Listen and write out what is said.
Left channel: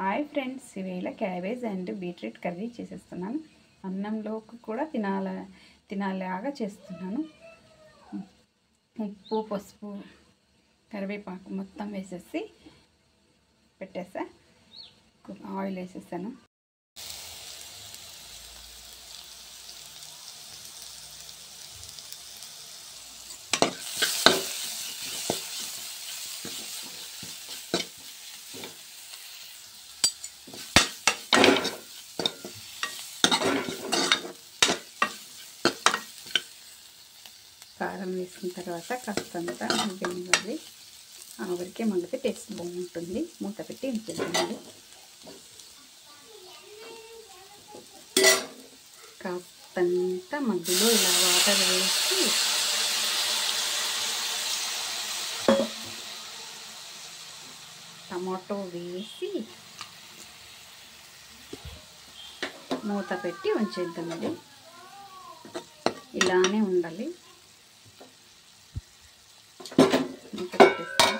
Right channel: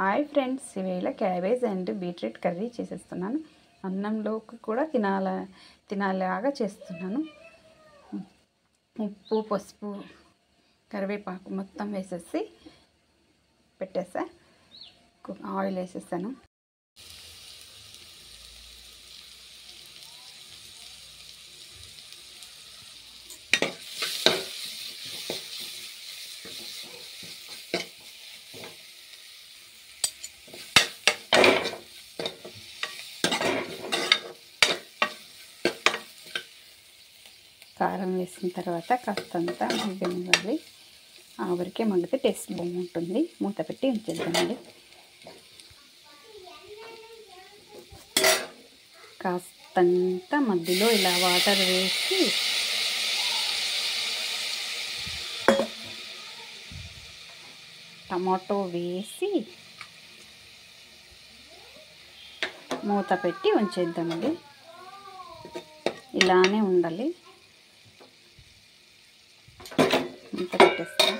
Hi friends, ఇవేళ cabbage and beetroot curry చేసేస్తున్నాను. అన్నంలోకి కూడా తినాలాగా చేస్తున్నాను. ఉప్పు, పసుపు, కరివేపాకు మొత్తం వేసేసి పెట్టేసా. ఆయిల్ వేసేసాను. కారం వేసిన తర్వాత కాస్తంతా మగ్గనివ్వాలి. ఆవిరికే మగ్గితే టేస్ట్ బాగుంటుంది. మూత పెట్టి ఉంచేద్దామండి. కాస్తంత మధ్యలో ఇలా వాటర్ వేసి టమాటో వేసి మూత పెట్టి ఉంచేద్దామండి. ఇలానే ఉండాలి. మూత పెట్టేస్తాం.